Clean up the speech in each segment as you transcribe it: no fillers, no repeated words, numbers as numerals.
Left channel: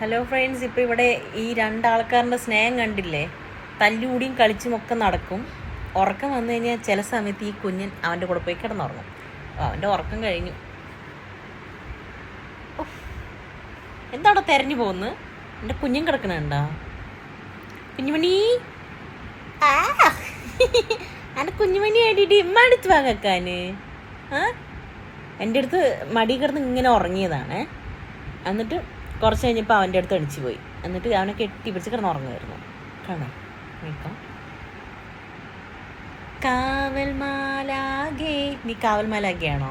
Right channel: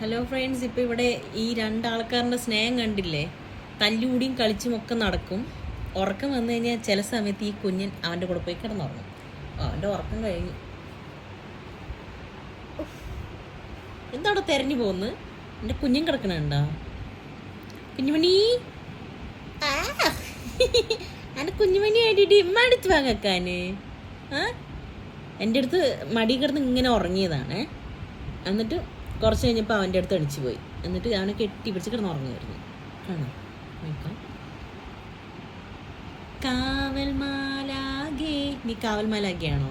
Hello friends, ഇപ്പോൾ ഇവിടെ ഈ രണ്ടാൾക്കാരുടെ സ്നേഹം കണ്ടില്ലേ? തല്ലുകൂടിയും കളിച്ചുമൊക്കെ നടക്കും. ഉറക്കം വന്നു കഴിഞ്ഞാൽ ചില സമയത്ത് ഈ കുഞ്ഞൻ അവൻ്റെ കൂടെ പോയി കിടന്നുറങ്ങും. അവൻ്റെ ഉറക്കം കഴിഞ്ഞു. എന്താവിടെ തെരഞ്ഞു പോകുന്നത്? എൻ്റെ കുഞ്ഞൻ കിടക്കണുണ്ടോ? കുഞ്ഞുമണി, ആ എൻ്റെ കുഞ്ഞുമണി ആയിട്ട് ഇമ്മ അടുത്ത് വാങ്ങാന് എൻ്റെ അടുത്ത് മടി കിടന്ന് ഇങ്ങനെ ഉറങ്ങിയതാണ്. എന്നിട്ട് കുറച്ച് കഴിഞ്ഞപ്പോൾ അവൻ്റെ അടുത്ത് അടിച്ചു പോയി. എന്നിട്ട് അവനെ കെട്ടിപ്പിടിച്ച് കിടന്ന് ഉറങ്ങുമായിരുന്നു. കാണാം, നോക്കാം. കാവൽമാലാകെ, നീ കാവൽമാലാകെയാണോ?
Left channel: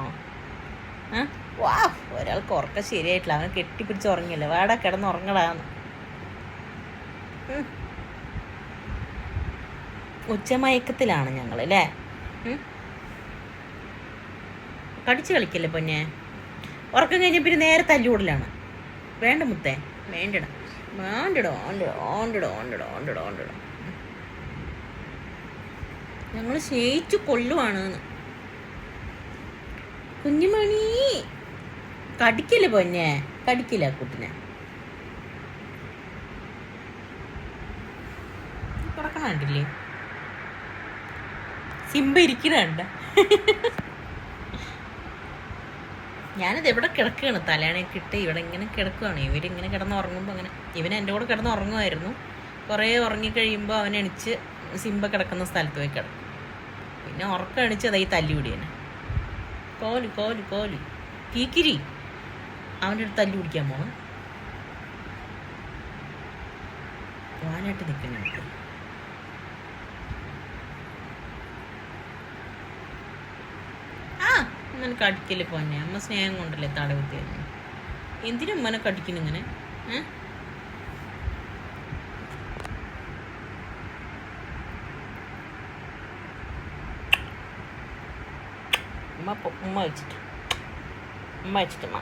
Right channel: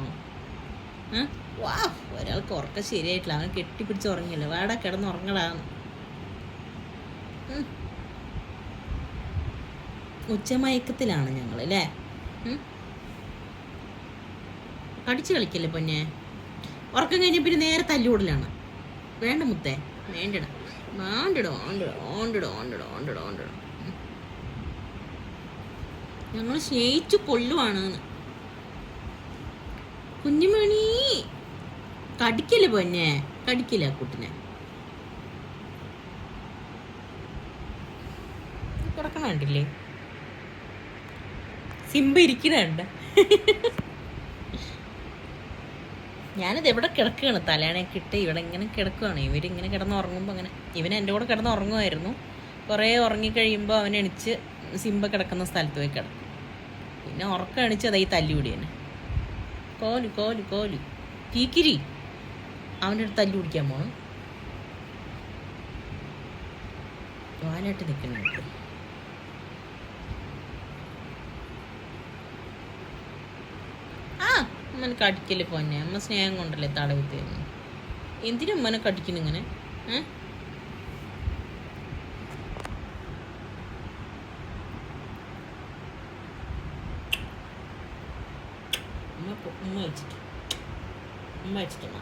വാ, ഒരാൾക്ക് ഉറക്കം ശരിയായിട്ടില്ല. അവനെ കെട്ടിപ്പിടിച്ച് ഉറങ്ങിയല്ലേ. വാടാ, കിടന്ന് ഉറങ്ങടാന്ന്. ഉച്ചമയക്കത്തിലാണ് ഞങ്ങൾ അല്ലേ? കടിച്ചു കളിക്കല്ലേ പൊന്നെ. ഉറക്കം കഴിഞ്ഞ പിന്നെ നേരെ തല്ലുകൂടലാണ്. വേണ്ട മുത്തേ, വേണ്ടിട വേണ്ടിടോ ഓണ്ടിടോ ഓണ്ടിടോ ഓണ്ടിടോ ഓണ്ടിടോ ഓണ്ടിടോ. ഞങ്ങൾ സ്നേഹിച്ചു കൊല്ലുവാണ്. കുഞ്ഞുമണി, കടിക്കല്ലേ പൊന്നെ, കടിക്കില്ല കുട്ടിനെ. കിടക്കണണ്ടില്ലേ? സിംബ ഇരിക്കണണ്ട. ഞാനിത് എവിടെ കിടക്കുകയാണ്, തലേണയൊക്കെ ഇട്ട് ഇവിടെ ഇങ്ങനെ കിടക്കുകയാണ്. ഇവരിങ്ങനെ കിടന്നുറങ്ങുമ്പോൾ അങ്ങനെ ഇവൻ എൻ്റെ കൂടെ കിടന്നുറങ്ങുമായിരുന്നു. കുറേ ഉറങ്ങിക്കഴിയുമ്പോൾ അവൻ എണിച്ച് സിംബ കിടക്കുന്ന സ്ഥലത്ത് പോയി കിടക്കും. പിന്നെ ഉറക്കം എണിച്ച് അതായി തല്ലുപിടിയാണ്. കോലു കോലു കോലു കീക്കിരി അവൻ്റെ അടുത്ത് തല്ലു പിടിക്കാൻ പോണം. വാനായിട്ട് നിൽക്കുന്നുണ്ട്. അമ്മനെ കടിക്കല്ലേ പോന്നെ. അമ്മ സ്നേഹം കൊണ്ടല്ലേ തടവിത്ത് തന്നെ. എന്തിനും അമ്മനെ കടിക്കുന്നു ഇങ്ങനെ? ഉമ്മ വെച്ചിട്ട് ഉമ്മ വെച്ചിട്ടുമ്മ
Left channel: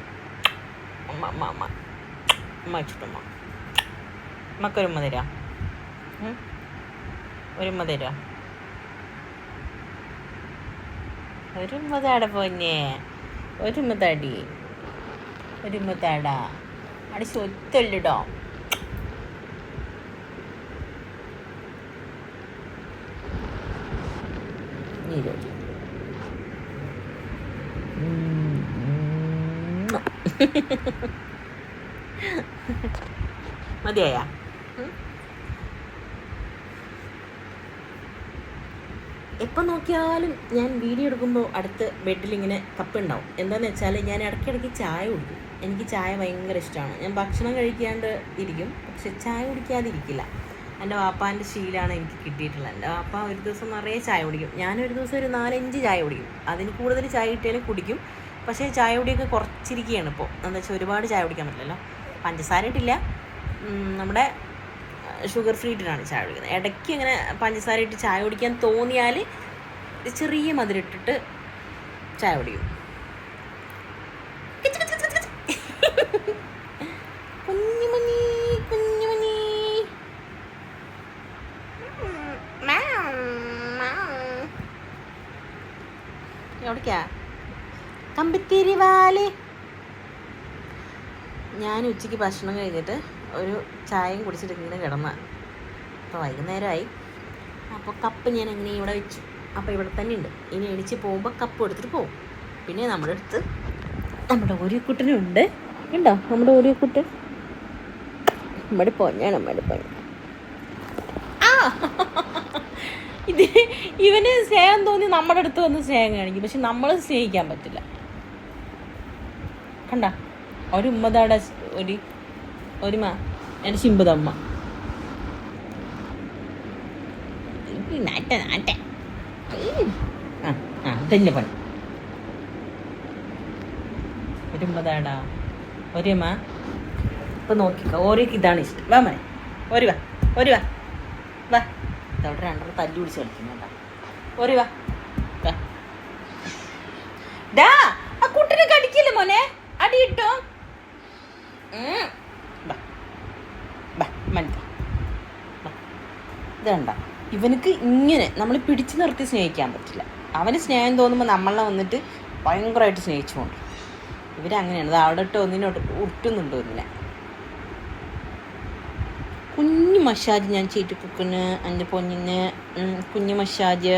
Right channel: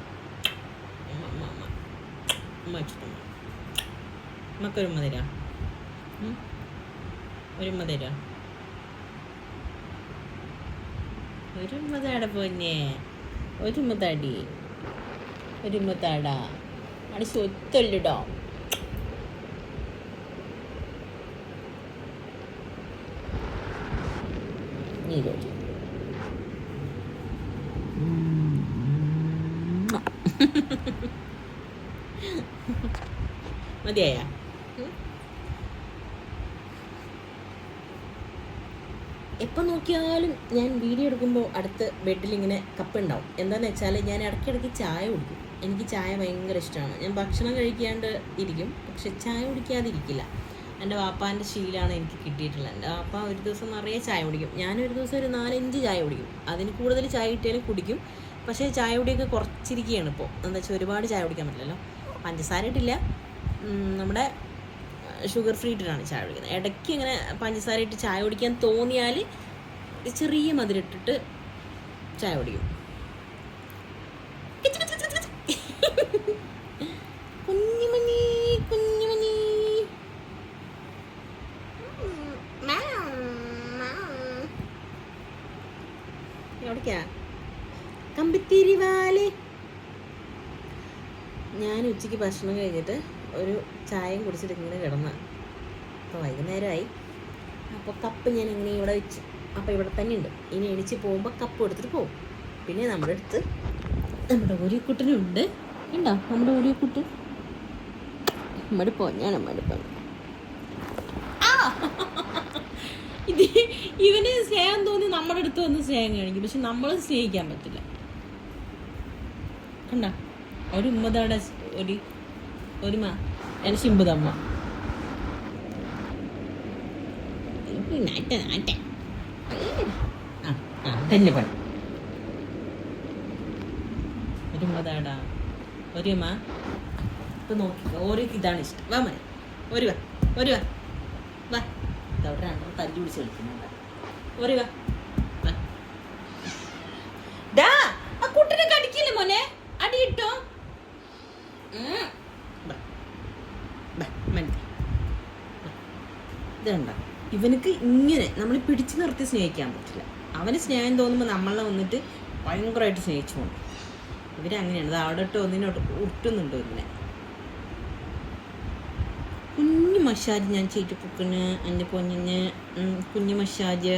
ഉമ്മ അമ്മ അമ്മ ഉമ്മ വെച്ചിട്ടുമ്മ. ഉമ്മക്കൊരുമ്മ തരാ, ഒരുമ്മ തരാ, ഒരുമ്മതാട പോന്നെ, ഒരുമ്മതാടി, ഒരുമ്മതാടാ. അവിടെ സ്വത്തല്ലടോ. മതിയായ? എപ്പോൾ നോക്കിയാലും ഞാൻ വീഡിയോ എടുക്കുമ്പോൾ അടുത്ത് ബെഡിലിങ്ങനെ കപ്പുണ്ടാവും. എന്താണെന്ന് വെച്ചാൽ ഞാൻ ഇടയ്ക്കിടയ്ക്ക് ചായ കുടിക്കും. എനിക്ക് ചായ ഭയങ്കര ഇഷ്ടമാണ്. ഞാൻ ഭക്ഷണം കഴിക്കാണ്ട് ഇരിക്കും, പക്ഷെ ചായ കുടിക്കാതിരിക്കില്ല. എൻ്റെ വാപ്പാൻ്റെ ശീലമാണ് എനിക്ക് കിട്ടിയിട്ടുള്ളത്. എൻ്റെ വാപ്പ ഒരു ദിവസം നിറയെ ചായ കുടിക്കും. ഞാനൊരു ദിവസം ഒരു 4-5 ചായ കുടിക്കും. അതിന് കൂടുതൽ ചായ കിട്ടിയാലും കുടിക്കും. പക്ഷേ ചായ കുടിയൊക്കെ കുറച്ചിരിക്കുകയാണ് ഇപ്പോൾ. എന്താ വെച്ചാൽ ഒരുപാട് ചായ കുടിക്കാൻ പറ്റില്ലല്ലോ. പഞ്ചസാര ഇട്ടില്ല, നമ്മുടെ ഷുഗർ ഫ്രീ ഇട്ടിട്ടാണ് ചായ കുടിക്കുന്നത്. ഇടയ്ക്ക് ഇങ്ങനെ പഞ്ചസാര ഇട്ട് ചായ കുടിക്കാൻ തോന്നിയാൽ ചെറിയ മധുരിട്ടിട്ട് ചായ കുടിക്കും. കുഞ്ഞുമണി കുഞ്ഞുമണി എവിടേക്കാ? കമ്പിത്തിരിവാല്. ഞാൻ ഉച്ചയ്ക്ക് ഭക്ഷണം കഴിഞ്ഞിട്ട് ഒരു ചായയും കുടിച്ചിട്ട് ഇങ്ങനെ കിടന്ന. അപ്പോൾ വൈകുന്നേരമായി. അപ്പോൾ കപ്പ് ഞാൻ എങ്ങനെ ഇവിടെ വെച്ചു. അപ്പോൾ ഇവിടെ തന്നെ ഉണ്ട്. ഇനി എണിച്ച് പോകുമ്പോൾ കപ്പ് എടുത്തിട്ട് പോകും. പിന്നെ നമ്മുടെ അടുത്ത് നമ്മുടെ ഓരിക്കുട്ടനുണ്ട്. ഉണ്ടോ നമ്മുടെ ഓരിക്കുട്ടൻ? നമ്മുടെ പൊന്നാണ്, നമ്മുടെ പൊന്ന്. ഇത് ഇവന് സ്നേഹം തോന്നി നമ്മുടെ അടുത്ത് വന്ന് സ്നേഹം കാണിക്കും. പക്ഷെ നമ്മൾ സ്നേഹിക്കാൻ പറ്റില്ല. കണ്ട ഒരു ഉമ്മതാടെ ഒരുമ എൻ്റെ ശിമ്പുതമ്മ. അതല്ലേ പണി. ഒരു ഉമ്മതാടാ, ഒരുമ. ഇപ്പം നോക്കിക്കോ, ഓരോക്ക് ഇതാണ് ഇഷ്ടം. വാ മനെ, ഒരു വാ, ഒരു വാ, വാ. ഇതവിടെ രണ്ടെണ്ണം തല്ലി പിടിച്ച് കളിക്കുന്നുണ്ടോ? ഒരു വാ, ഡാ. ആ കുട്ടിനെ കടിക്കില്ല മോനെ, അടി കിട്ടോ? ഇതണ്ട, ഇവനക്ക് ഇങ്ങനെ നമ്മൾ പിടിച്ചു നിർത്തി സ്നേഹിക്കാൻ പറ്റില്ല. അവന് സ്നേഹം തോന്നുമ്പോൾ നമ്മളെ വന്നിട്ട് ഭയങ്കരമായിട്ട് സ്നേഹിച്ചുകൊണ്ട് ഇവരങ്ങനെയാണ്. അത് അവിടെ ഇട്ട് ഒന്നിനോട്ട് ഉട്ടുന്നുണ്ടോ ഇങ്ങനെ. കുഞ്ഞു മസാജ് ഞാൻ ചെയ്ത് കൊടുക്കുന്നു എൻ്റെ പൊന്നിന്. കുഞ്ഞു മസാജ്.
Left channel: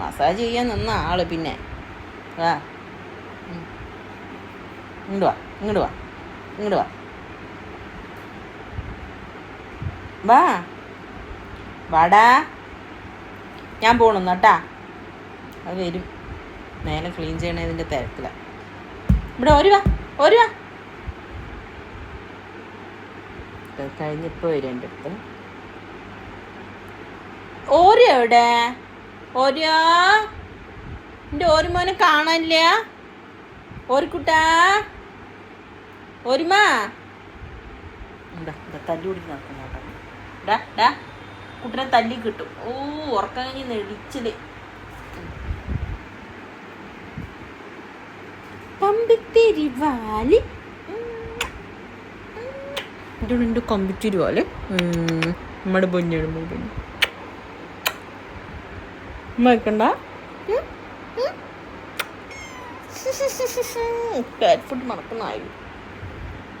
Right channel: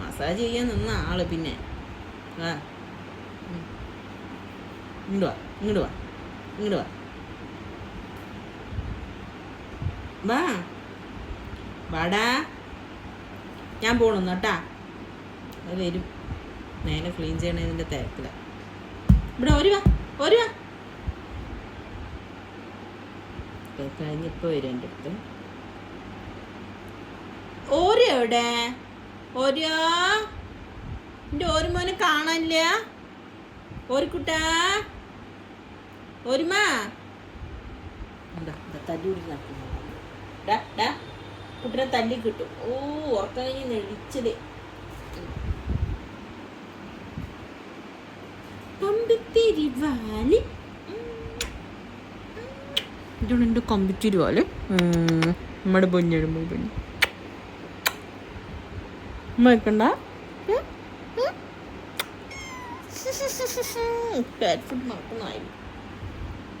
മസാജ് ചെയ്യാൻ നിന്ന ആള് പിന്നെ വാ, ഇങ്ങോട്ട് വാ, ഇങ്ങോട്ട് വാ, ഇങ്ങോട്ട് വാ, വാ, വാടാ. ഞാൻ പോണെന്ന് കേട്ടാ. അത് വരും, നേരെ ക്ലീൻ ചെയ്യണതിൻ്റെ തിരക്കിലാണ്. ഇവിടെ ഒരു വാ, ഒരു വാ. കഴിഞ്ഞ് ഇപ്പോൾ വരും എൻ്റെ അടുത്ത്. ഓരോ എവിടെ? ഓരോ എൻ്റെ ഓരുമോനെ കാണാനില്ല. ഓരിക്കുട്ടാ, ഓരുമാ എന്താ തല്ലി കൂടി നടക്കുന്ന കുട്ടനെ തല്ലി കിട്ടും. ഓ ഉറക്കം കഴിഞ്ഞ് നെടിച്ചത്. കമ്പിത്തിരി വാലി, എൻ്റെ കമ്പിത്തിരി വാല്. നമ്മുടെ പൊന്നിടും പൊന്നി വെക്കണ്ട. കാറ്റ് ഫുഡ് മറക്കുന്നതായി.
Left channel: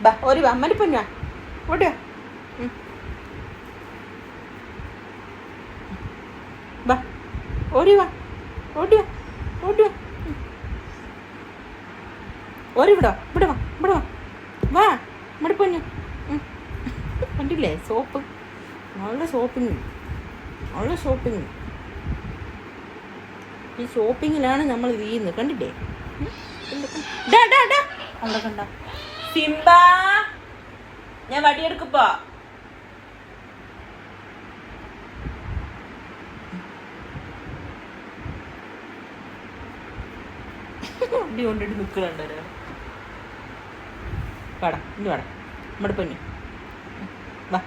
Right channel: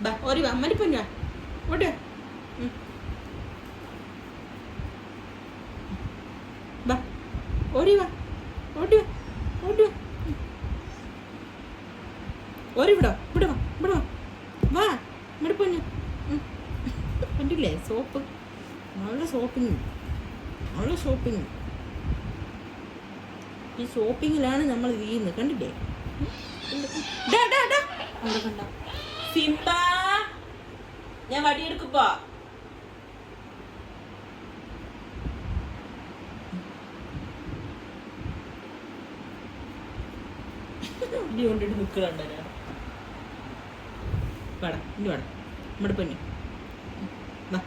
ബാ ഒരു വാ, അമ്മൻ്റെ പൊന്നാ ഓടിയാ. ബാ ഓടി വാ, ഓടി വാ, ഓടി വാ. ഓടി വിടാ, ഇവിടെ വാ, ഇവിടെ വാ, വാ നമ്മുടെ പൊന്നു. കണ്ടില്ലേ സോപ്പ്, നല്ല ഷോപ്പിങ്, നല്ല ഷോപ്പിങ്. ഈ ഷോപ്പിങ്ങിലാണ് നമ്മൾ വീഴുന്നത്. കണ്ടില്ലേ? കണ്ട സിംബ, ഞാൻ വടിയെടുക്കപ്പോ. വടി കൊണ്ടിട്ട് നിൽക്കുന്നുണ്ടോ? വാടാ, ഇനി വാടാ നമ്മുടെ പൊന്നു, വാ.